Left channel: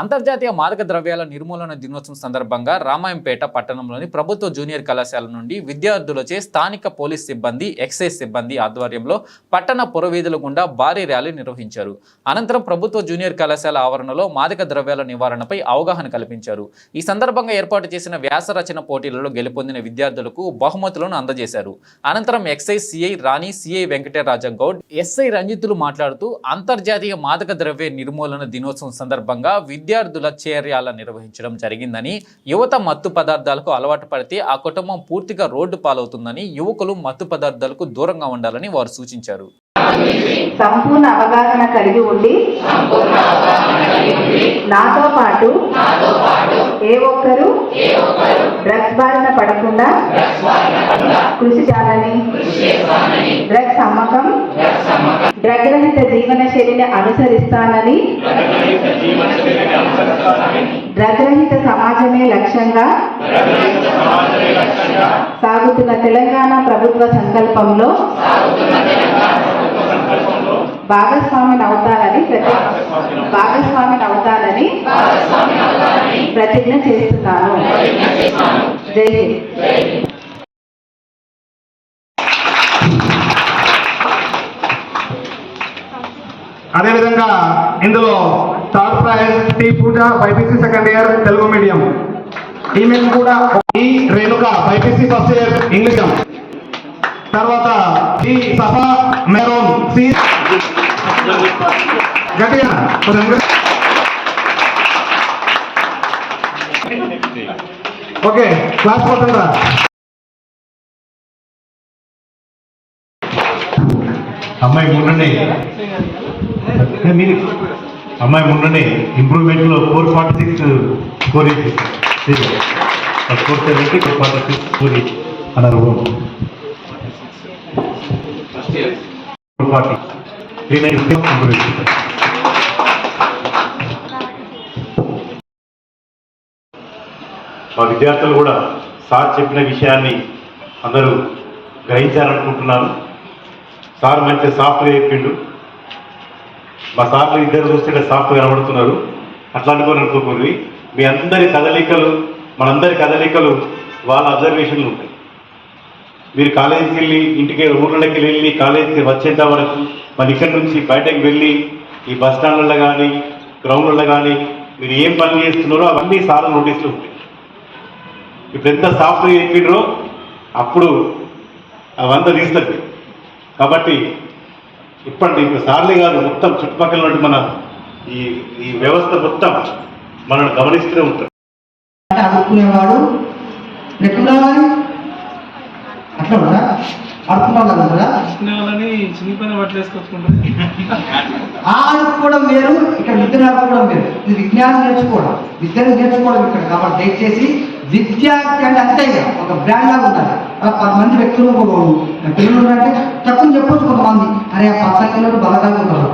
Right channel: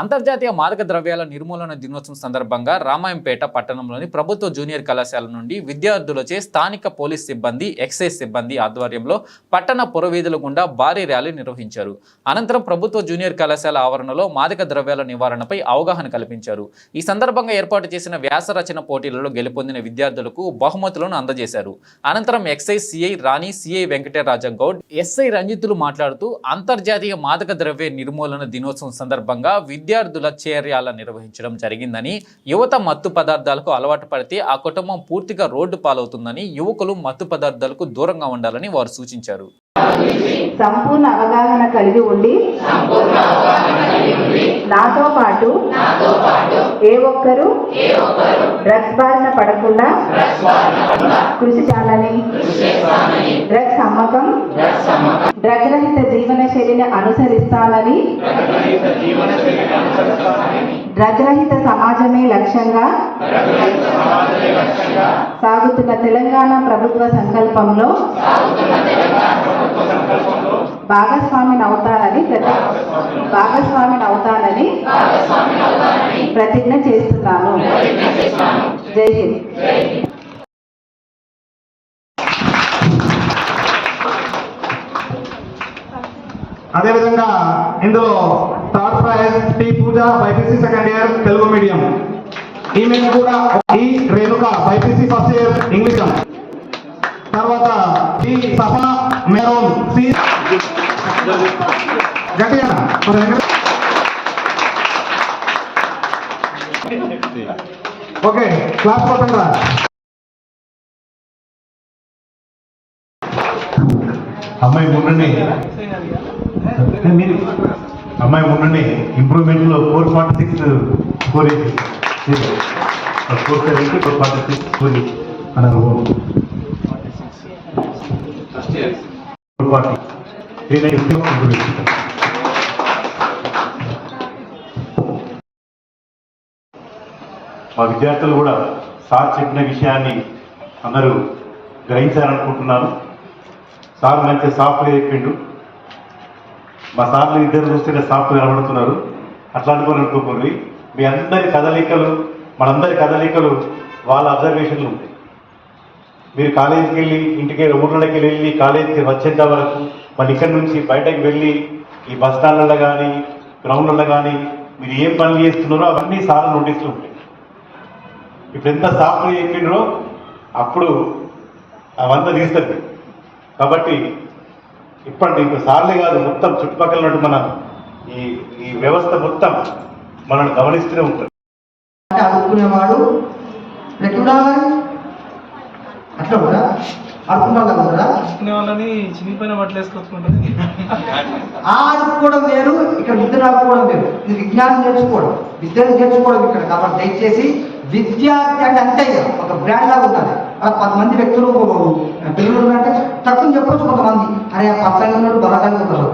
అంతర్జాతీయ మాదక ద్రవ్యాల నిర్మూలన దినోత్సవం సందర్భంగా రామాయంపేట పట్టణంలోని ప్రభుత్వ జూనియర్ కళాశాల నుండి విద్యార్థులచే స్థానిక పోలీస్ సిబ్బంది, ఎక్సైజ్ సిబ్బంది ఆధ్వర్యంలో పట్టణ పురవీధుల గుండా భారీ ర్యాలీ నిర్వహించారు. అనంతరం ప్రభుత్వ జూనియర్ కళాశాల ఆవరణలో మాదక ద్రవ్యాల నివారణపై అవగాహన కల్పించారు. ఈ సందర్భంగా ఏర్పాటు చేసిన వ్యాస రచన పోటీలలో గెలుపొందిన విద్యార్థులకు బహుమతులను అందజేశారు. అనంతరం ఎక్సైజ్ సిఐ రాణి, సిఐ వెంకటరాజ గౌడ్, ఎస్ఐ రంజితులు మాట్లాడుతూ అంతర్జాతీయ మాదక ద్రవ్య నిర్మూలన దినోత్సవం సందర్భంగా విద్యార్థుల చర్యలు నిర్వహించడం జరిగిందని, యువత మత్తు పదార్థాలకు అలవాటు పడితే ఆ కుటుంబం పూర్తిగా రోడ్డు పాలవుతుందని, యువకులు మత్తు పదార్థాలకు దూరంగా ఉండాలని వారు సూచించారు. సంపూర్ణ అవగాహన కలిగి ఉండి నాతో పాటు ఏ ఒక్కరు డ్రగ్స్ బారిన పడకుండా కృషి చేయాలని, డ్రగ్స్ అమ్మకం, డ్రగ్ రహిత జీవన శైలిని అనుసరిస్తానని, డ్రగ్ రహిత సమాజమే లక్ష్యంగా సాగుతున్న తెలంగాణ ప్రభుత్వ సంకల్పంలో భాగస్వామిని అవుతానని ప్రతిజ్ఞ చేస్తున్నాను. జై హింద్. అదేవిధంగా ఇందులో third prize T Pooja BiPC second year Telugu medium, ఈమెయిల్ కూడా ఈ Renuka BiPC first year English, తర్వాత ఈ సఫా మెరోన్ సి గట్టిగా ఓకే క్లాస్ పోతుందా. అమ్మాయి మొన్ననే ఇంప్రూవ్మెంట్లో 446 స్కోర్ 446 స్కోర్ అన్నారు. 440 మా విద్యార్థులు కూడా సార్ చెప్పిన విషయాన్ని అందరూ గ్రహించాలనుకుంటున్నారు. సార్ మంచి సాఫ్ట్గా చెప్పిండు. మా సార్లు ఇద్దరు చూస్తుంటే సాఫ్ట్గా కనబడుతున్నారు. అట్లా అనుకోకూడదు. మీ అందరి కదలికలు, మనందరి కదలికలు వాళ్ళ అబ్జర్వేషన్లు ఉంటాయి. మీరు కాలేజీకి వెళ్ళి ఇంటికి ఊళ్ళకి వెళ్ళి కాలేజీకి వచ్చేంత వరకు మన ఇక్కడి నుంచి బయటకు వెళ్ళి ఈ బస్ స్టాండ్లలో కానీ గ్రౌండ్లలో కానీ మీరు ఏం పనులు చేస్తున్నారో అవన్నీ సార్లు నోటీసులు ఉంటాయి. ఇప్పుడు ఎంత సాఫ్ట్గా చెప్పిండ్రో అప్పుడు అవంతా తీస్తుంది. కాబట్టి ఇప్పటి ఇంకో సార్లు కాదు, మొత్తం చుట్టుపక్కల ఉన్నట్టు మన ఈ వ్యవస్థ మొత్తం మనల్ని గమనిస్తూనే ఉంటుంది. ఆడుకునేవాడు అట్లా కూడా ఆడుకునే వాళ్ళని చిన్నపైన పట్టలేసుకొచ్చుకుంటారు. ఆడుకోవడం వేరు, ఇక్కడ విద్య ఆడుకోవడం వేరు. ఇది విజ్ఞానం నేర్చుకోవడం, విద్యను నేర్చుకోవడం ఇక్కడ. కాబట్టి దయచేసి విద్యార్థి అంటే అంతే ఒక బ్రాండ్ లాగా ఉండాలి. 10 మంది వ్యక్తులు తెలుగులో అంటే తక్కువ చెప్పొచ్చు. కొంతమంది అరే ఆ పచ్చగా ఉన్నాడు బలకంగా ఉన్నారు,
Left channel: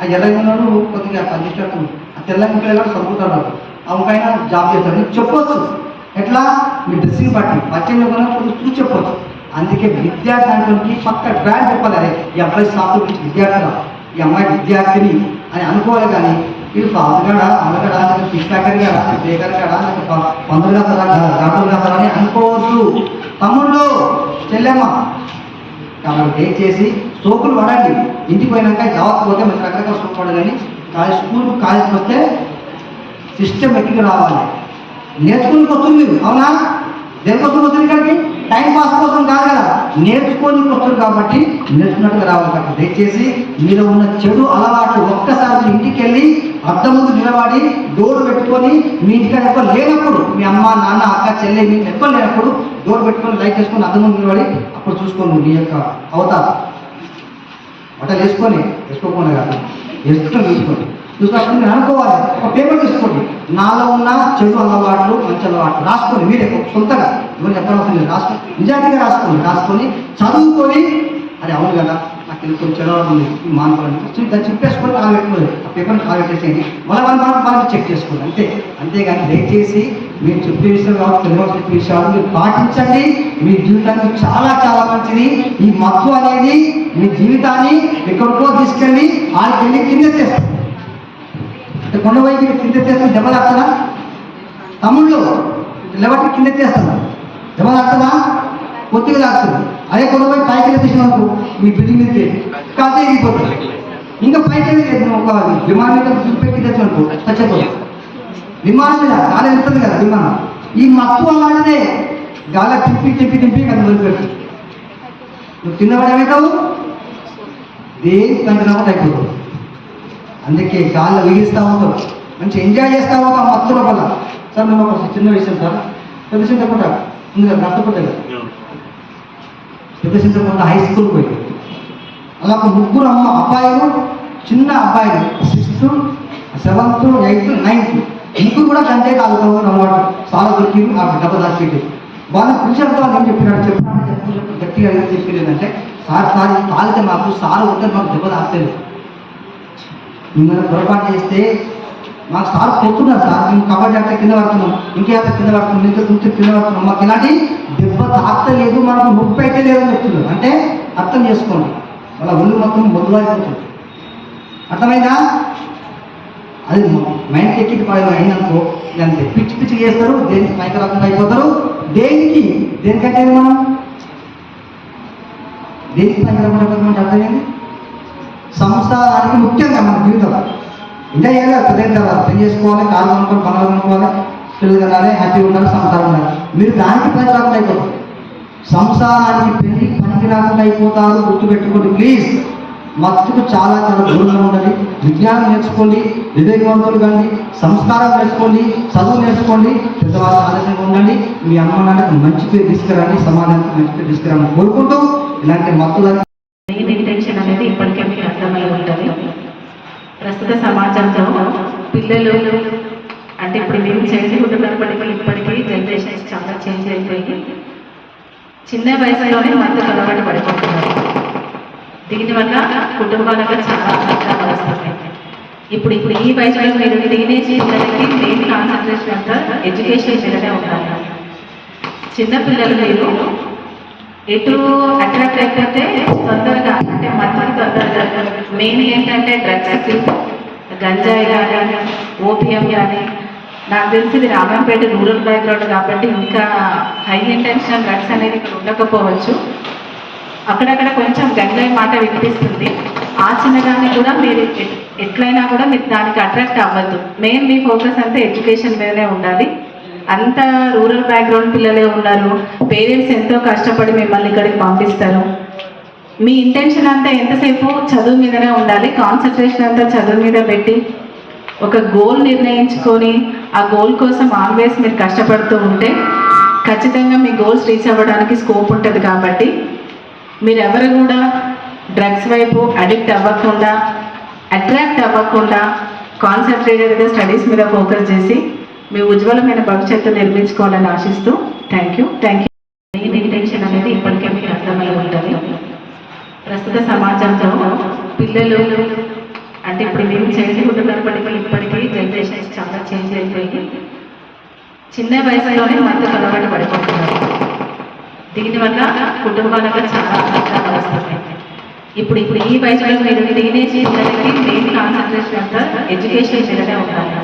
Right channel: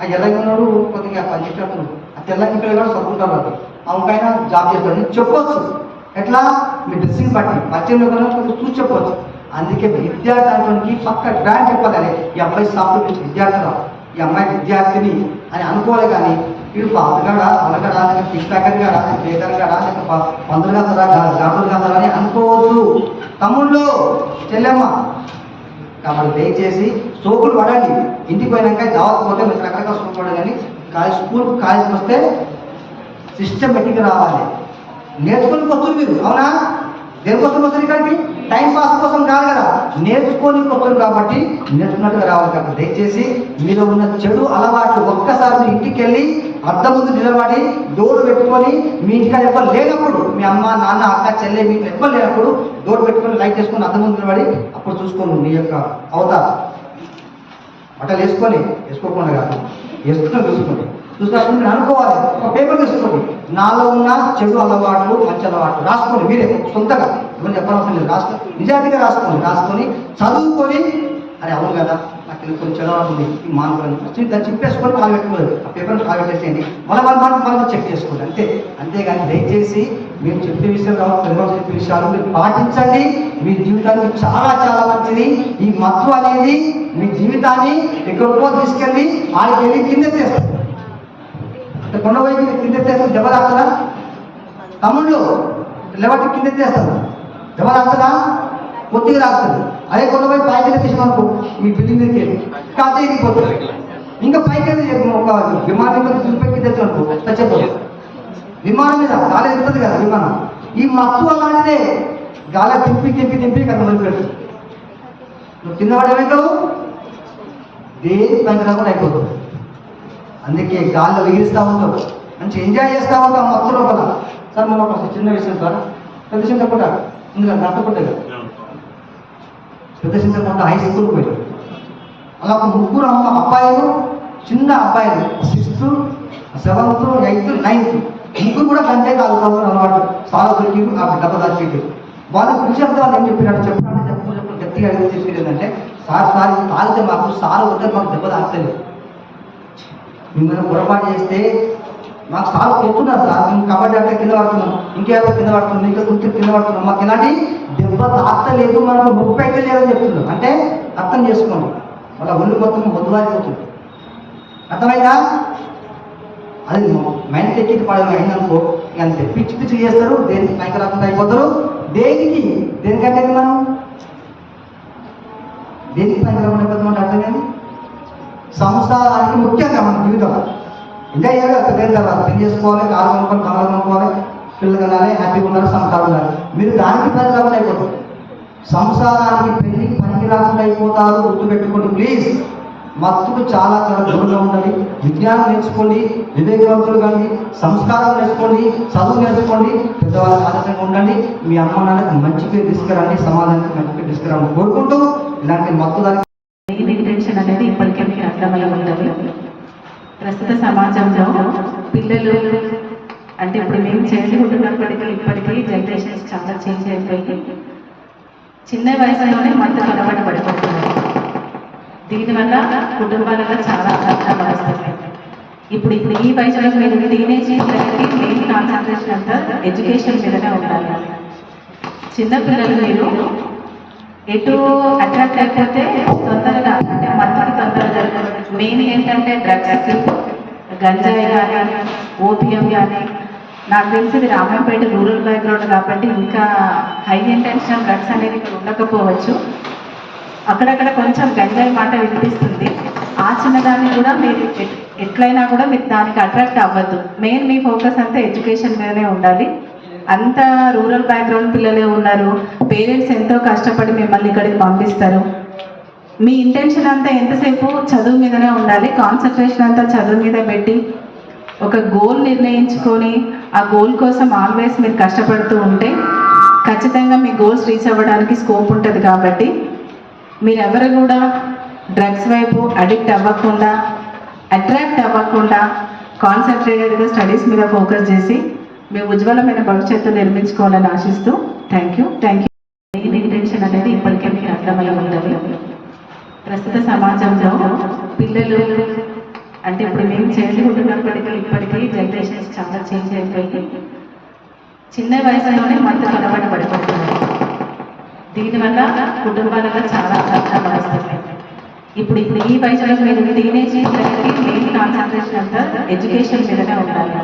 ఆ ఎర్రగా ఉన్నాడు కొద్దిగా పనిచేసినట్టు, ఆ తెల్లగా ఉంటాడు చదువుకుంటారు, అవుకైనా జాబ్ చేస్తాడు చెప్పొచ్చు. ఎట్లా మీ డ్రెస్సింగ్ బట్టి పచ్చలో కొంచెం చూసి చెప్పొచ్చు. అందుకే విద్యార్థి అంటే పక్క బ్రాండ్ చెప్పాలి. అరే ఈ అబ్బాయి సాఫ్ట్ విద్యార్థి, ఈ అమ్మాయి విద్యార్థిని అని అనుకోవాలి. కానీ వీడు పాతగాడా అలగడా లేక పిక్పాకర్ గాడా బేకర్ గాడా లేక పందులు కాదా గాడులు కాదా అని అనుకోవద్దు తమ్ముళ్ళు చెల్లెమ్మ. కాబట్టి దయచేసి సోకులు పడండి. ఇంటికి పోయినాక జాగ్రత్త పోతే మీరు రకరకాల సోకు పడదని స్కూల్ కాలేజీకి వస్తే సిస్టమేటిక్గా రావాలి. నేర్చుకుని వస్తుంది మీరు, అవునా? దేనికోసం వస్తుంది ఇక్కడికి? టైం పాస్ కోసం కాదు కదా, నేర్చుకొని వస్తుంది. కాబట్టి నేర్చుకున్నట్టుగా రావాలి. కాబట్టి దయచేసి మీరు ఉన్న చెడు అలవాట్లు ఒక్కసారి ఇంటికి వెళ్ళి అద్దం ముందు నిలబడి డోర్ పెట్టుకొని, మీ ఇంటికాడ ఎవ్వరు లేనప్పుడు, మీ అమ్మ నాన్న అక్క చెల్లె మీకు ఎవ్వరు లేనప్పుడు డోర్ పెట్టుకొని లైట్ చేసుకొని అద్దం ముందు నిలబడి అప్పుడు చూసుకోండి మీ యొక్క అవతారం. బట్టలు వేసుకోకుండా కాదు, వేసుకొని చూసుకోండి. చూసుకున్నప్పుడు మీరు అనుకోవాలి, ఒక పేపర్ తీసుకోండి. నాలో ఉన్న చెడు అలవాట్లు మంచి అలవాట్లు రాసుకోండి. మీరే సొంతగా ఇవన్నీ చెప్పనవసరం లేదు, రాసుకోండి. నిజాయితీగా రాసుకొని చదువుకొని అరే అవును కదా నాకు ఇది కొంచెం చెడు ఉంది మానుకోవాలి దాన్ని చెప్పేసుకొని కాలు పెట్టుకోలేదు. ఆ పేపర్ని కాలు పెట్టేసేయండి. మనం చెక్ చేసుకోండి. అంతేగాని దయచేసి మీరు చెప్పే విషయాలు కాబట్టి తెలుగు చెప్పే విషయాలు మీరు పాటించండి. మీ జీవితానికి చాలా చాలా మంచిది. ఈ మత్తు అనేది మీ జీవితాన్ని ఎక్కడికో తీసుకెళ్ళి వాళ్ళకి వెళ్ళి కింద చేస్తారు. అంటే కొండవైపు కింద ఎత్తేస్తే దెబ్బ తాకుతుందా? తమ్ముళ్ళు నిలబట్టి కింద ఎత్తేస్తారు, దెబ్బ తాకుతుందా? కొద్దిగా తాకుతుంది. అదే కొండవైపు పైకి ఎత్తేసిన అనుకో మీ బిల్డింగ్ మీదకి కాస్త ఎగిరిపోతుంది. ఇంకా పైకి ఒక విమానం మీద చూపెక్కి తెచ్చినట్టు చచ్చిపోతుంది. విమానం మీద గాలి వెళ్తుంది కదా విమానం, ఈ మత్తు అలాంటిదే గాలి తిప్పి కదా వదిలిపెట్టు. నువ్వు తిన్నవాడు ఏమవుతావు? దేని పంచరాకుండా అయిపోతావు. అందుకే గాల్లో విగిస్తూ ఉంటావు, మంచి ఎంజాయ్ చేస్తూ ఉంటావు ఆ మత్తు లోపల. సార్ మనం ఒక చిన్న విషయం సార్, పెద్ద చింతకుంట ముందుగా నష్టపోతుంది కదా, పెద్ద చింతకుంట హై స్కూల్ పోయి అలా ఒక ముగ్గురు అబ్బాయిలు, చిన్న అబ్బాయిలు 6th, 7th, 8th, 9th ముగ్గురు కూడా గంజాయి తాగుతాము అలవాటు. సార్ దొరికి ఆ డబ్బ దాచిపెట్టి వాళ్ళు కూర్చోతో వాళ్ళు ఏం చెప్పినాడు చెప్పు గట్టిగా చెప్పేది ఏంటంటే, సార్ తాగితే మాకు సార్ ఉంటే మాకు దెబ్బ తాగలేదు, మిమ్మల్ని పొరపాటు చేస్తే మాకు సార్ కొడుతున్నారు సార్, మేము కబడ్డీ అంటే కింద పడుతున్నాం, ఇంకేదో కింద పడుతున్నాం, ఇంకా గుర్తు కింద పడుతున్నాం, మాకు ఇలాంటి దెబ్బ తాకలేదు, మనకు నొప్పి అయితే లేదని చెప్తున్నారు. అంటే అర్థం చేసుకోండి, వాళ్ళ ఒళ్ళు మొత్తం మొదలైపోతుంది. అర్థమైందా? అది మైండ్ ఎక్కి అయిననుకో అంతే, పిచ్చి చేస్తారు, దేనికి పైకి రాకుండా అయిపోతారు. దేనికంటే మనం దేనికి పైకి రాకుండా అయిపోతామంటే అర్థమైంది. సంసారానికి ముఖ్యంగా మన జీవితం ఎంజాయ్ చేయాలి, పెద్దయిన తర్వాత పెళ్లి చేసుకోవాలి, కారు కొనుక్కోవాలి, పనులు కొనుక్కోవాలి, పిల్లలు కనాలి, హ్యాపీగా ఉండాలి, సంసారం ఉండాలి. మీరు దానికి పని రాకుండా అయిపోతారు, సంసారానికి పెళ్లి పనికి రాకుండా అయిపోతారు. గుర్తుపెట్టుకోండి ప్లీజ్. మత్తుకు చాలా దూరంగా ఉండాలి. విజ్ఞానం నేర్చుకోండి, వివేకవంతులు కానీ, సంస్కారం నేర్చుకోండి, చదువు నేర్చుకోండి, పెద్దవాళ్ళ ఆదర్శంగా ఉండండి. మీ అమ్మ నాన్నకి మంచి పేరు తీసుకురండి, సమాజానికి మంచి పేరు తీసుకురాని కోరుకుంటూ ఇలాంటి మత్తులని మెయిన్ ఇంటెన్షన్ అనేది ఇప్పటికే మీకు అర్థమై ఉంటుంది. ప్రస్తుత సమాజంలో పిల్లలు అంటే ఇప్పుడు మేము చైల్డ్హుడ్ ఉన్నప్పటికీ ఇప్పటికీ జనరేషన్స్ చాలా చేంజ్ అయిపోయి చిన్న వయసులోనే మత్తుకు అలవాటు పడిపోతున్నారు. దీనివల్ల కుటుంబాలలో చాలా కష్టాలు వస్తున్నాయి. ఇప్పుడు ఈ వయసులో మీరు టీనేజ్ పిల్లలకి మెయిన్ కాన్సన్ట్రేషన్ అంతా ఎడ్యుకేషన్ మీదనే ఉండాలి. చిన్నపిల్లలు మీరు ఎటు అట్రాక్ట్ అయిపోతే తొందరగా అంటే మత్తుకి తొందరగా మెయిన్ ఏంటంటే డ్రగ్స్, గంజాయి కానీ, ఓపియం కానీ. నాకు తెలిసి ఇది రామంపేట రూరల్ బ్యాక్గ్రౌండ్ కాబట్టి ఇంకా హై ఇంటెన్షన్ డ్రగ్స్ అనేది ఇక్కడ ఉండకపోవచ్చు. అక్కడక్కడ కొంచెం గంజాయి మాట వినిపిస్తుంది. ఆ చిన్నదాన్ని కూడా మీరు ఎట్లయినా కూడా మీరు దానికి అట్రాక్ట్ అవ్వద్దు. మెయిన్ మీ ఫోకస్ అంతా ఎడ్యుకేషన్ మీదనే ఉండాలి. అంత రూరల్ బ్యాక్గ్రౌండ్ పిల్లలే ఉన్నారు, పేరెంట్స్ ఎంతో కష్టపడి మిమ్మల్ని ఇక్కడికి పంపిస్తారు. మీ ఇంటెన్షన్ అంతా ఎంతసేపు చదువు మీదనే ఉండాలి. కాన్సన్ట్రేషన్ అంతా చదువు మీద పెట్టి ఒక గోల్ నిర్ణయించుకొని ఆ గోల్ కోసం ఆల్వేస్ మీరు కష్టపడుతూ ఉంటే ఖచ్చితంగా మీ గోల్స్ రీచ్ అవ్వడానికి స్కోప్ ఉంటుంది. కాబట్టి మీరెవరు కూడా డ్రగ్స్ వైపు అడిక్ట్ అవ్వకుండా, అట్రాక్ట్ అవ్వకుండా కాన్సన్ట్రేటెడ్గా స్టడీస్ మీద ఫోకస్ చేసి మీ ఉజ్వలమైన భవిష్యత్తు నిర్మించుకోవాలని ఆశిస్తూ థ్యాంక్ యూ. మెయిన్ ఇంటెన్షన్ అనేది ఇప్పటికే మీకు అర్థమై ఉంటుంది. ప్రస్తుత సమాజంలో పిల్లలు అంటే ఇప్పుడు మేము చైల్డ్హుడ్ ఉన్నప్పటికీ ఇప్పటికీ జనరేషన్స్ చాలా చేంజ్ అయిపోయి చిన్న వయసులోనే మత్తుకు అలవాటు పడిపోతున్నారు. దీనివల్ల కుటుంబాలలో చాలా కష్టాలు వస్తున్నాయి. ఇప్పుడు ఈ వయసులో మీరు టీనేజ్ పిల్లలకి మెయిన్ కాన్సన్ట్రేషన్ అంతా ఎడ్యుకేషన్ మీదనే ఉండాలి.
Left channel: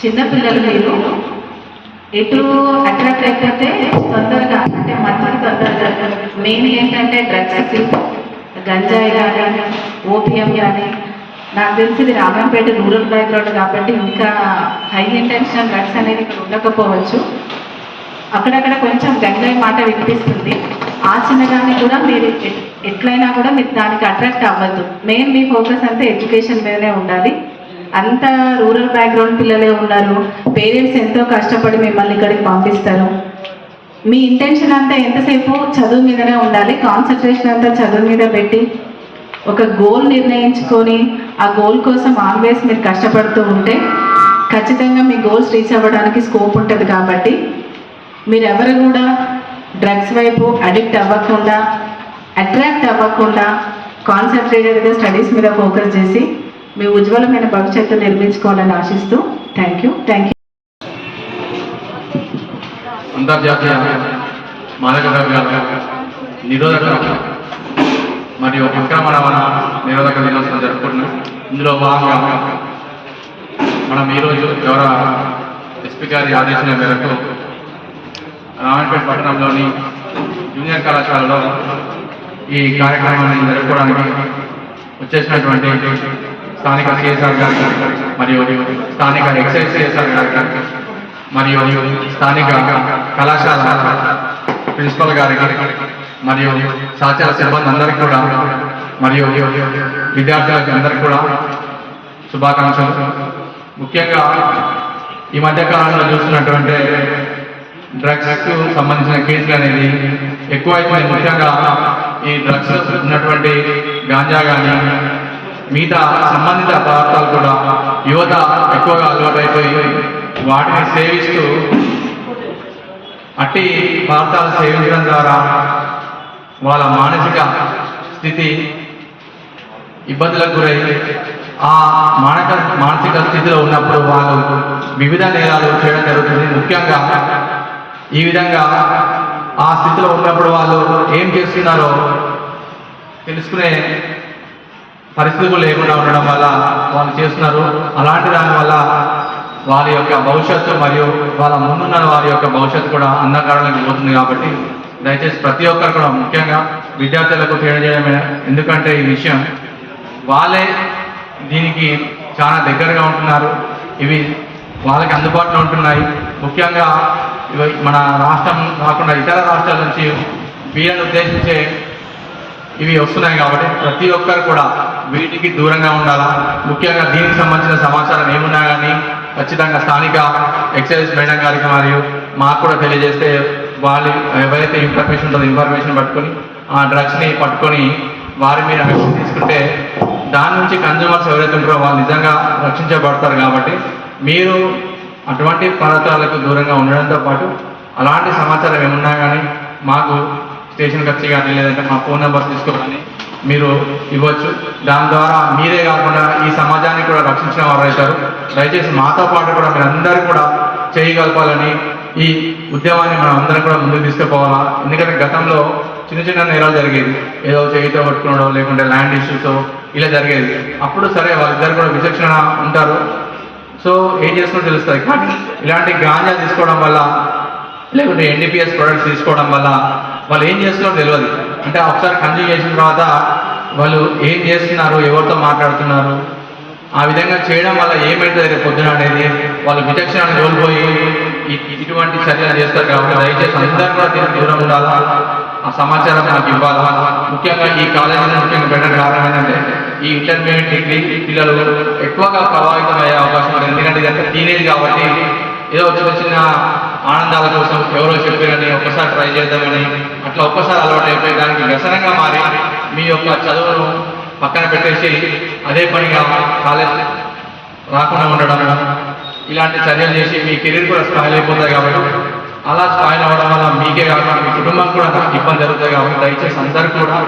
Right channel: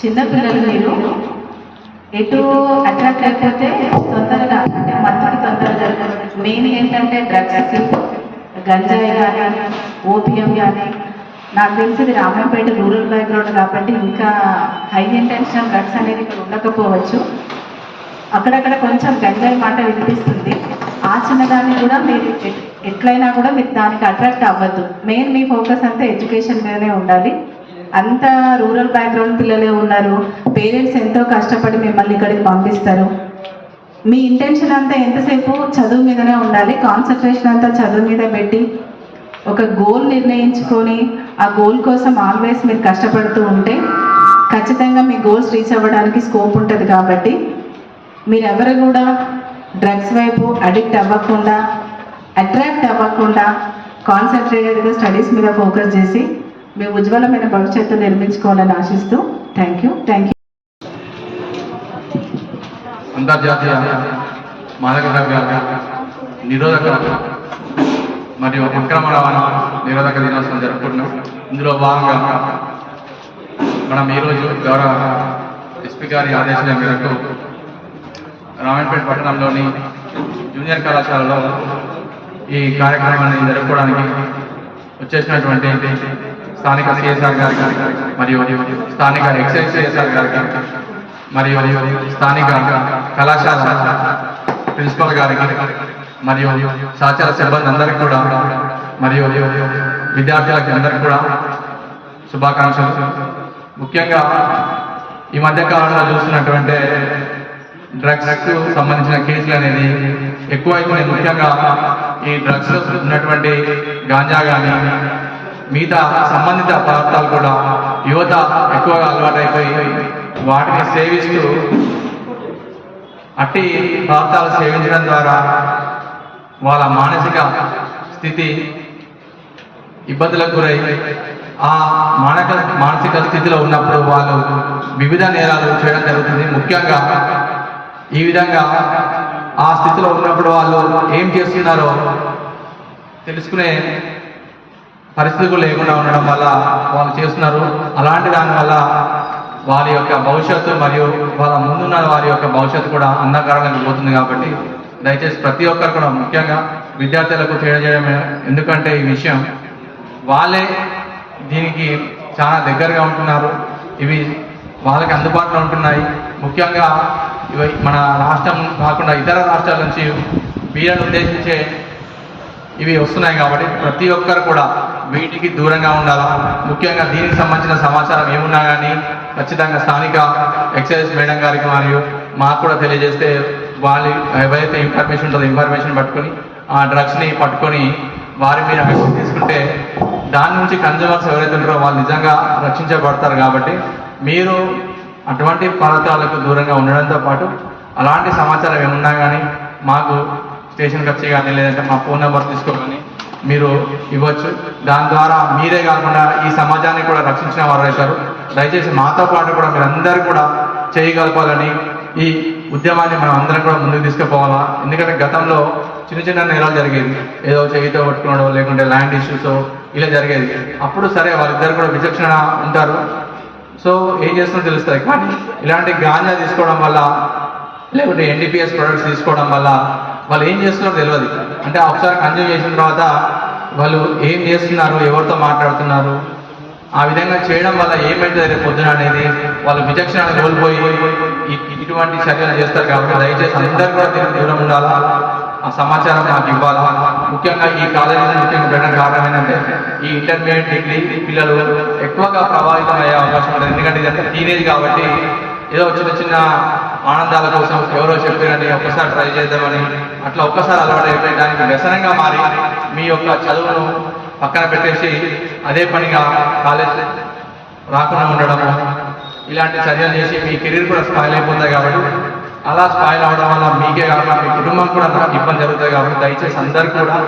చిన్నపిల్లలు మీరు ఎటు అట్రాక్ట్ అయిపోతే తొందరగా అంటే మత్తుకి తొందరగా మెయిన్ ఏంటంటే డ్రగ్స్, గంజాయి కానీ, ఓపియం కానీ. నాకు తెలిసి ఇది రామంపేట రూరల్ బ్యాక్గ్రౌండ్ కాబట్టి ఇంకా హై ఇంటెన్షన్ డ్రగ్స్ అనేది ఇక్కడ ఉండకపోవచ్చు. అక్కడక్కడ కొంచెం గంజాయి మాట వినిపిస్తుంది. ఆ చిన్నదాన్ని కూడా మీరు ఎట్లయినా కూడా మీరు దానికి అట్రాక్ట్ అవ్వద్దు. మెయిన్ మీ ఫోకస్ అంతా ఎడ్యుకేషన్ మీదనే ఉండాలి. అంత రూరల్ బ్యాక్గ్రౌండ్ పిల్లలే ఉన్నారు, పేరెంట్స్ ఎంతో కష్టపడి మిమ్మల్ని ఇక్కడికి పంపిస్తారు. మీ ఇంటెన్షన్ అంతా ఎంతసేపు చదువు మీదనే ఉండాలి. కాన్సన్ట్రేషన్ అంతా చదువు మీద పెట్టి ఒక గోల్ నిర్ణయించుకొని ఆ గోల్ కోసం ఆల్వేస్ మీరు కష్టపడుతూ ఉంటే ఖచ్చితంగా మీ గోల్స్ రీచ్ అవ్వడానికి స్కోప్ ఉంటుంది. కాబట్టి మీరెవరు కూడా డ్రగ్స్ వైపు అడిక్ట్ అవ్వకుండా, అట్రాక్ట్ అవ్వకుండా కాన్సన్ట్రేటెడ్గా స్టడీస్ మీద ఫోకస్ చేసి మీ ఉజ్వలమైన భవిష్యత్తు నిర్మించుకోవాలని ఆశిస్తూ థ్యాంక్ యూ. అంతర్జాతీయ మాదక ద్రవ్యాల నిరోధక మరియు అక్రమ రవాణా నిరోధక దినోత్సవం జరుపుకుంటున్నాం. ఇందులో భాగంగా మనం ఈరోజు గౌరవ ఎస్పీ గారి ఆదేశాల మేరకు రామాయణపేట పట్టణంలోని జూనియర్ కళాశాలలో ఈ కార్యక్రమాన్ని జరుపుకోవడానికి వచ్చేసినటువంటి స్థానిక సిఎస్ఆర్ గారికి మరియు స్థానిక ఎక్సైజ్ సిఎస్ఆర్ గారికి మరియు స్థానిక కళాశాల ప్రిన్సిపల్ గారికి మరియు సహచర సిబ్బంది అందరికీ కూడా మరియు విద్యార్థులకి అందరికీ కూడా శుభాకాంక్షలు. ముఖ్యంగా ఈ మధ్య కాలంలో చూస్తున్నటువంటి డ్రగ్స్కు సంబంధించిన కేసులు అనేది ఎక్కువైపోయి, ముఖ్యంగా ఈ డ్రగ్స్ ఉన్నటువంటి గాంజా కానీ మిగతా సంబంధిత పదార్థాలు కూడా యువత ఎక్కువగా అలవాటైపోయి వాటిని సేవిస్తూ అట్టి పదార్థాలు సేవించడం ద్వారా వాళ్ళ మానసిక స్థితి ఇబ్బందులకు గురై ఆ మానసిక స్థితిలో ఉన్నప్పుడు వాళ్ళు వివిధ నేరాలు చేయడం జరుగుతుంది. ముఖ్యంగా ఈ విధంగా ఆ స్థితిలో ఉన్నప్పుడు వాళ్ళు ఏం చేస్తున్నారో తెలుసుకునే పరిస్థితులు లేకుండా ఉండడం వల్ల వాళ్ళు చేస్తున్నారు. అలాంటి దానివల్ల వారి యొక్క భవిష్యత్తు మరియు వాళ్ళ ముందున్న వారి యొక్క భవిష్యత్తు కూడా అంధకారంలోకి పోతుంది. కాబట్టి దయచేసి ప్రతి ఒక్కరు కూడా, ముఖ్యంగా విద్యార్థులకు తెలియజేయడమే, ఎందుకంటే ఈ విషయం వాళ్ళే దీనికి చాలా దగ్గరగా ఉంటున్నారు, ఇవి వాళ్ళకి అందుబాటులో ఉంటున్నాయి. ముఖ్యంగా మన రాష్ట్రం కాకుండా ఇతర రాష్ట్రాల నుంచి వీళ్ళని ఉద్దేశించే ఇవి వస్తున్నాయి. కాబట్టి ప్రతి ఒక్కరు కూడా వీటికి దూరంగా ఉండాలా. ముఖ్యంగా దీనికి సంబంధించిన సమాచారం ఏమున్నా కానీ ఖచ్చితంగా స్థానిక ఎక్సైజ్ మేడం గారికి మరియు మాకు కూడా తెలియజేస్తే వాళ్ళు ఎవరైతే ఇన్ఫర్మేషన్ ఉంటుందో ఇన్ఫర్మేషన్ పట్టుకొని ఆ డ్రగ్స్ని పట్టుకొని వారి మీద యాక్షన్ తీసుకుంటే దాని నుంచి కన్జ్యూమర్స్ ఎవరైతే ఉంటారో వాళ్ళు నిజంగా రక్షించబడతారు. కాబట్టి మీరు అటువంటి పదార్థాలకు దూరంగా ఉండడంతో పాటు అలాంటి సమాచారం ఏమున్నా కానీ మాకు స్టేషన్కి వచ్చి కానీ లేదంటే మా ఫోన్ నెంబర్ తీసుకోవాలని మీరు ఇవ్వచ్చు. దాని ద్వారా మీరే కాకుండా ఈ సమాజాన్ని కూడా రక్షించిన వారు అవుతారు. దయచేసి మాతో పాటు కూడా మీరందరూ కూడా చేయగలపాలని ఈ ఉద్యమాన్ని మనం అందరం కూడా ముందుకు తీసుకుపోవాలా. ఎందుకంటే గతంలో చిన్న చిన్న నేరాలు జరిగేది, ఏదో చేయితో పట్టుకున్నాడో లేకుంటే ల్యాండ్ ఇష్యూస్ ఇలా జరిగేది. అప్పుడు సరే వాళ్ళిద్దరు కూడా విచక్షణ ఉంటారు, సో ఏం చేస్తుందో తెలుస్తుంది. కానీ ఇలాంటి గాంజా తీసుకోవడం వల్ల లేకుంటే ఎన్డీపీఎస్ ప్రొడక్ట్స్ తీసుకోవడం వల్ల వాళ్ళు ఏం చేస్తున్నారో తెలియదు. అంటే ఒకసారి కన్జ్యూమ్ చేసిన తర్వాత వాళ్ళు ఏం చేస్తున్నారు, ఎవరితో మాట్లాడుతున్నారు, ఆ విధంగా చేయడం వల్ల ఏమైతే రేపు పొద్దున అనేది వాళ్ళు విచక్షణ కోల్పోయి ఇటువంటి చర్యలు చేస్తారు. కాబట్టి దయచేసి అందరూ కూడా దీనికి దూరం ఉండాలా, ఆ సమాచారం నాకు ఇవ్వాలా. ముఖ్యంగా ఈ కాలేజీని ముఖ్యంగా పెట్టడానికి కారణం ఏంటంటే ఈ ఇంటర్మీడియట్ డిగ్రీ పిల్లలు ఎక్కువగా ప్రభావితం అయ్యే అవకాశం ఉంది. ఎందుకంటే ఇదంతా టీనేజ్ కాబట్టి ఏదో చిన్న చిన్న ఆనందాల కోసం ఎవరో చెప్పారని ఒక్కసారి ట్రై చేద్దామని అట్లా ఒక్కసారి అలవాటు అయిపోయి దానికి వ్యసనంగా మారి మీ యొక్క చదువును పక్కన పెట్టేసి అదే పనిగా కాలేజ్ రాకుండా ఉండడము, ఇలాంటి చర్యలు చేసి మీ కెరీర్ కూడా స్పాయిల్ అయిపోతుంది. కాబట్టి అలా స్పాయిల్ అవ్వడం వల్ల మీకే కాకుండా మీ కుటుంబం కూడా నాకు ఇబ్బంది జరుగుతుంది. కాబట్టి దయచేసి అందరూ కూడా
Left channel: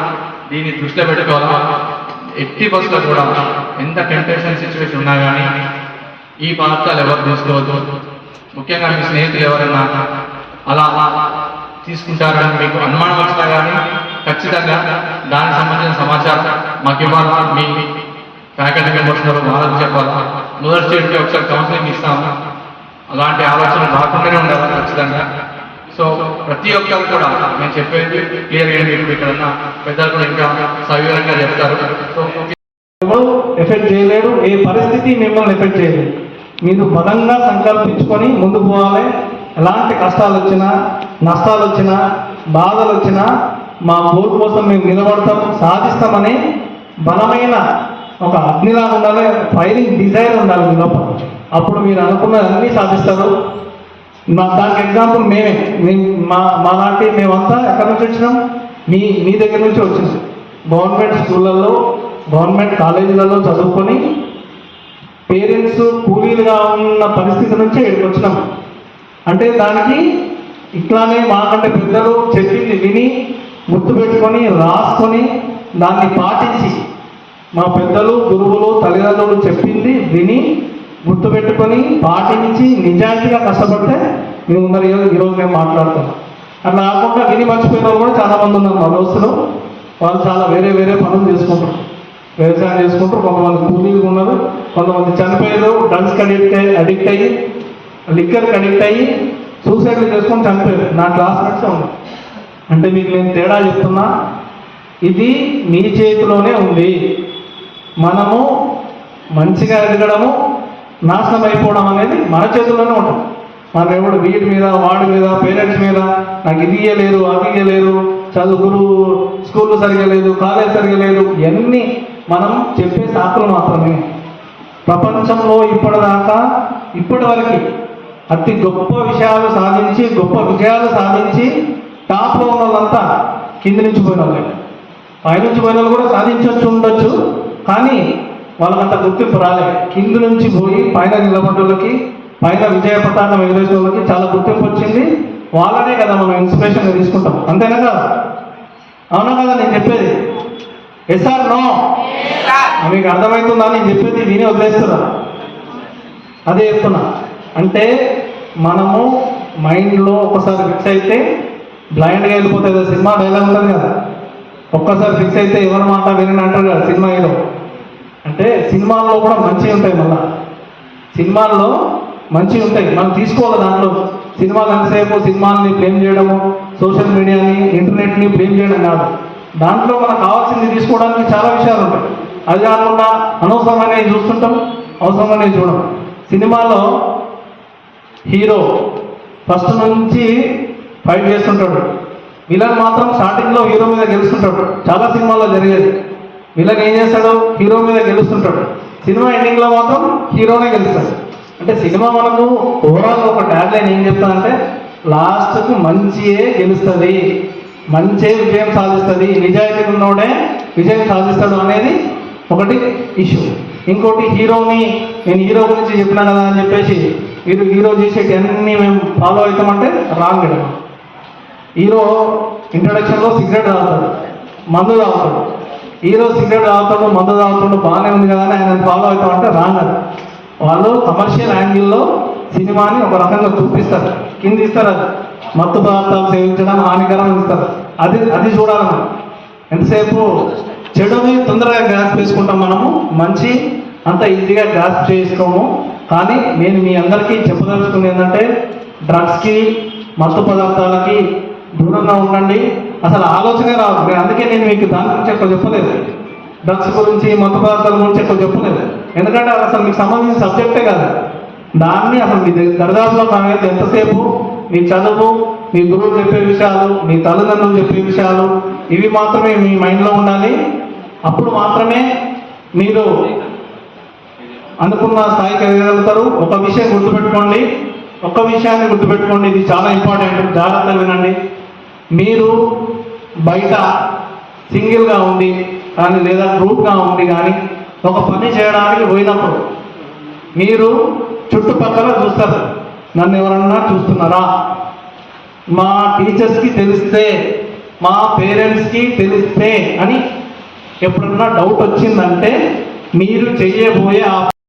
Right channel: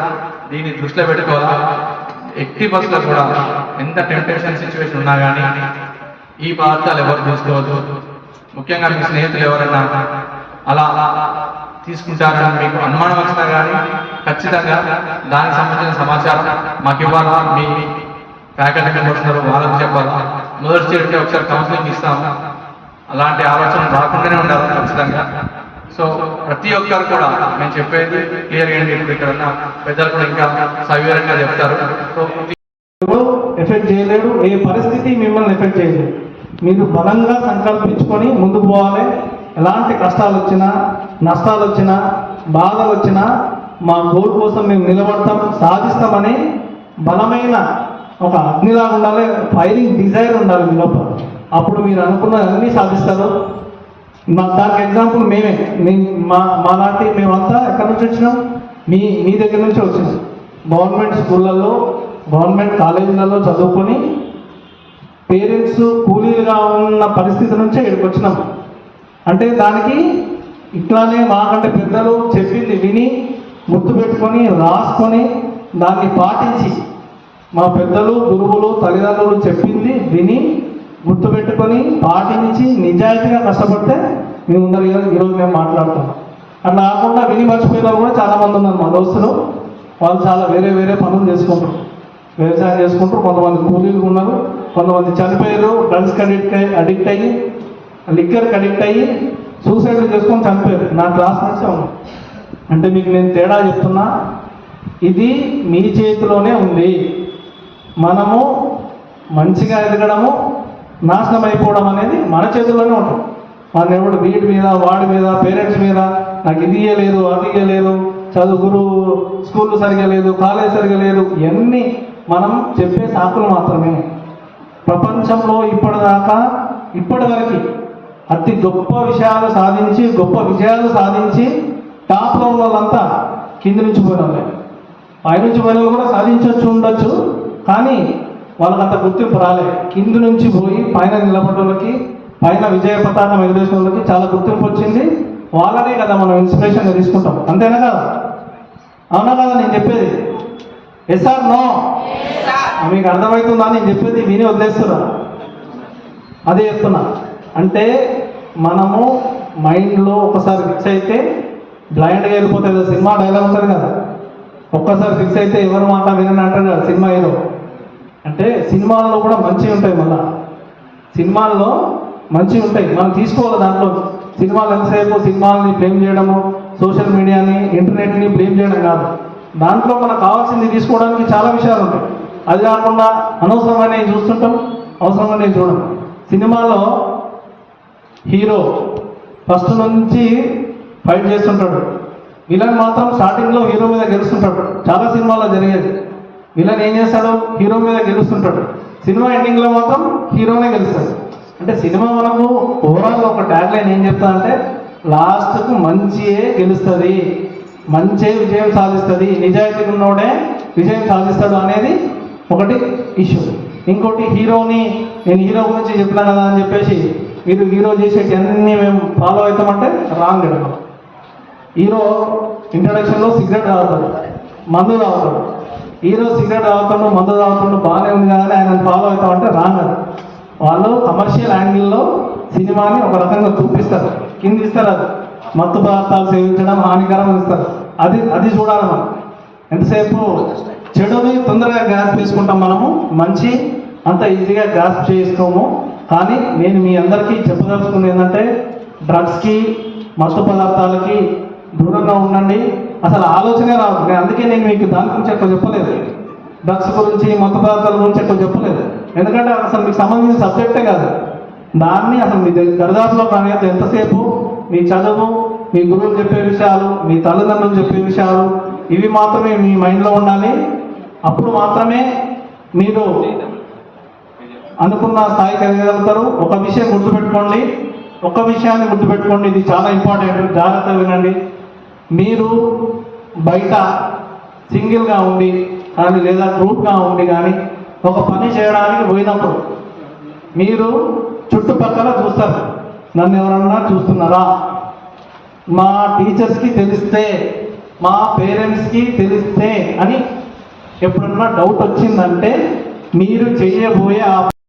దీన్ని దృష్టిలో పెట్టుకోవాలా. ఎట్టి బస్సులో కూడా ఎంత టెంప్టేషన్ సిచ్యువేషన్ ఉన్నా కానీ ఈ పదార్థాలు ఎవరు తీసుకోవద్దు. ముఖ్యంగా మీ స్నేహితులు ఎవరైనా అలా తీసుకుంటారని మీకు అనుమానం వచ్చినా కానీ ఖచ్చితంగా దానికి సంబంధించిన సమాచారం మాకు ఇవ్వాలా. మీ ఫ్యాకల్టీ మెంబర్స్ వాళ్ళకి చెప్పాలా. మొదటి స్టేజ్కి ఒకసారి కౌన్సిలింగ్ ఇస్తాము. అలాంటి ఆలోచన రాకుండానే ఉండాలి ఖచ్చితంగా. సో ప్రతి ఒక్కరు కూడా నేను చెప్పేది క్లియర్గా ఏంటి, ఇక్కడ ఉన్న పెద్దలు కూడా ఇంకా సవివరంగా చెప్తారు. సో ఎఫెక్ట్ చేయలేడు, ఏ పరిస్థితి మిమ్మల్ని ఎఫెక్ట్ చేయలేదు. మీరు బలంగా సంకల్పించుకొని ముందుకు పోవాలి. ఎలాంటి కష్టాలు వచ్చినా, నష్టాలు వచ్చినా, బాధలు వచ్చినా మా గోల్ కోసం మేము నిలబడతాం, సాధిస్తామని బలమైన ఒక అగ్నిలాగా ఉండాలి, ఫైరింగ్ డిజైర్ ఉండాలి మీ లోపల. అప్పుడు మీరు అనుకున్నది అన్నీ సాధిస్తారు. దానికి ఎగ్జాంపుల్ మేమే, మా లాంటి మేమంతా ఎక్కడి నుంచి వచ్చినాం, మీ దగ్గర నుంచి వచ్చేసాం. గవర్నమెంట్ స్కూళ్ళల్లో, గవర్నమెంట్ కాలేజీలలో చదువుకొని పేరెంట్స్ కూలీలుగా ఉన్న పరిస్థితి నుంచే ఇక్కడికి వచ్చినాం. అంటే దానికి ఇట్లానే మాకంటే పెద్దలు చెప్పింది విని గుర్తుపెట్టుకొని రాసుకొని దాన్ని పాటించి, మా పెద్దలు గురువులు తల్లిదండ్రులు చెప్పింది విని గుర్తుపెట్టుకొని పాటించి నిజాయితీగా కష్టపడితే మేము ఉన్నారు ఈరోజు మేము మాట్లాడుతాం. అట్లా కాకుండా విని మర్చిపోయిన వాళ్ళు కూడా చాలామంది ఉన్నారు మా దోస్తులు. వాళ్ళు చాలా వేరే వేరే పనులు చేసుకుంటారు, వ్యవసాయం చేసుకుంటారు, కొంతమంది కూలీలు ఉన్నారు. కొంతమంది చనిపోయారు, డ్రగ్స్కి అడిక్ట్ అయ్యి లిక్కర్కి అడిక్ట్ అయ్యి సూసైడ్ చేసుకొని చనిపోయారు. నా క్లాస్మేట్స్ ఉన్నారు. అంటే మీకు నేను తేడా చెప్తున్నా, ఇది మీ చేతిలోనే ఉంది. మనము మంచిగా ఎదగడము, నాశనం అయిపోవడం అనేది మన చేతుల్లోనే ఉంటుంది. మన ఎవడు వీటి మీద వాడి మీద పేరెంట్స్ మీద నాకు ఇది ఇయ్యలేదు, అది ఇయ్యలేదు, చదువుకురు స్కూల్ సరిగా లేదు, కాలేజ్ సరిగా లేదు, ఇవన్నీ మనం చెప్పే సాకులు మాత్రమే. ప్రపంచంలో ఇప్పటి వరకు అతి గొప్ప విషయాలు సాధించి గొప్ప విజయాలు సాధించి టాప్లో ఉన్న వాళ్ళంతా కింది నుంచి పోయిన వాళ్ళే. పైనుంచి పోయిన వాళ్ళు కూడా సాధించవచ్చు ఉండొచ్చు, కానీ వాళ్ళకంత గుర్తింపు రాలే. కింది నుంచి పోయి పైన నిలబడ్డ వాళ్ళకి, పైన విజయ పతాకం ఎగరేసిన వాళ్ళకి చాలా గుర్తింపు వచ్చింది. వాళ్ళనే కదా మనం ఇన్స్పిరేషన్గా తీసుకుంటాం. అంతేనా కదా? అవునా కదా నేను చెప్పేది? Yes or no? మీకు అర్థమవుతుందా నేను చెప్పేది? విని వదిలేస్తున్నా. అదే చెప్తున్నా. అంటే మనము మైండ్లో ఒకసారి ఫిక్స్ అయితే బ్లైండ్గా వెళ్ళిపోతుంది కదా. సినిమా డైలాగ్ ఉంటుంది కదా, ఒక్కసారి ఫిక్స్ అయితే ఎవరి మాట విని అంటారు కదా సినిమా ఏదో. అంటే సినిమాల్లో కూడా మంచిగా ఉంటాయి. మళ్ళా సినిమాల్లో మంచిగా ఉంటాయి, మనం తీసుకోవాలి. దాంట్లో సినిమాలు ఎంతసేపు సినిమాలని బ్లేమ్ చేయడము, సోషల్ మీడియాని, ఇంటర్నెట్ని బ్లేమ్ చేయడం కాదు. దాంట్లో మనకు కావాల్సింది తీసుకోవడానికి చాలా విషయాలు ఉంటాయి. అది కాకుండా అనవసరమైనవి చూస్తుంటాం, అవసరమైనవి చూడం. సినిమాలో హీరో ఫస్ట్ నుంచి ఫైట్ చేస్తుంటాడు, విలన్ మాత్రం స్టార్టింగ్లో హీరో మీద గెలుస్తుంటాడు. చాలా సినిమాల్లో జరిగేది. విలన్ ఏం చేస్తాడు? హీరో మీద గెలుస్తుంటాడు. సినిమా ఎండింగ్లో మాత్రం హీరోనే గెలుస్తాడు. అంటే సినిమా మనకు ఓవరాల్ ఒక ట్యాగ్ లైన్ ఏం చెప్తానంటే, లాస్ట్కు మంచియే గెలుస్తుంది, మంచే విజయం సాధిస్తుంది, నిజాయితీ ఉన్నోడే విజయం సాధిస్తాడు అనేది ఒకటి ఇష్యూ. ఇంకోటి హీరోని, నేను హీరో గురించి చెప్పినా కదా అని చెప్పేసి మీరు హీరో చేసేటి అన్నీ మేము ఫాలో అవుతామంటే రాంగ్ అండి. హీరో ఇంట్రడక్షన్లో సిగరెట్ తాగుతాడు, మందు తాగుతాడు. హీరో సిగరెట్ తాగుతాడు, మందు తాగుతాడు, బాగానే ఉంది కదా అని ఆయన ఫాలో అవుతామంటే రాంగ్ అది. వాళ్ళు కమర్షియల్ యాంగిల్లో సినిమాని ఒక రకంగా చూపిస్తారు, కింద ఇస్తారు. అది మత్తు పదార్థాలు సేవించడం హానికరం ఇస్తారు. అది చూడాలి. ఎంతసేపు చెడుని తొందరగా గ్రాస్ప్ చేసుకుంటాం మనము, మంచి అంత ఈజీగా గ్రాస్ప్ చేసుకోము. కానీ నేను మీ అందరికీ చెప్పదలుచుకుంది ఏంటంటే, డ్రగ్స్కి, మత్తు పదార్థాలకి దూరంగా ఉండండి. అసలు ఆలోచనే రాదు. అందుకే నేను మీకు దాని గురించి ఎక్కువ చెప్పలేదు, డ్రగ్స్ గురించి, మత్తు పదార్థాల గురించి ఎక్కువ చెప్పలేదు. ఎందుకంటే అసలు మీకు సంబంధించిన సబ్జెక్టే కాదు. దాన్ని అసలు మీ దరిదాపులో కాలేదు. ఎంతసేపు మీ చదువు, మీ గురువు చెప్పే విషయాలు, మీ తల్లిదండ్రులు చెప్పే విషయాలు, ఇవి మాత్రమే మీ మైండ్లో ఉండాలి. అప్పుడు మాత్రమే మీరు అనుకున్న స్థాయికి ఎదగలుగుతారు. ఒక విషయం గుర్తుపెట్టుకోండి, ఒక్క విషయాన్ని గుర్తుపెట్టుకోండి, ఇది చాలా ఇంపార్టెంట్, జాగ్రత్తగా వినండి. మీరు బయట సింగిల్గా ఉండి కానీ లేదా గ్రూప్గా ఉండి కానీ ఒక పని చేయడానికి పోయినప్పుడు మీరు చుట్టుపక్కల చూస్తారు, నన్ను ఎవరన్నా చూస్తున్నారా, మా టీచర్స్కి తెలిస్తే, మా పేరెంట్స్కి తెలిస్తే అని ఎప్పుడన్నా డౌట్ వచ్చిందంటే మీరు చేయబోయే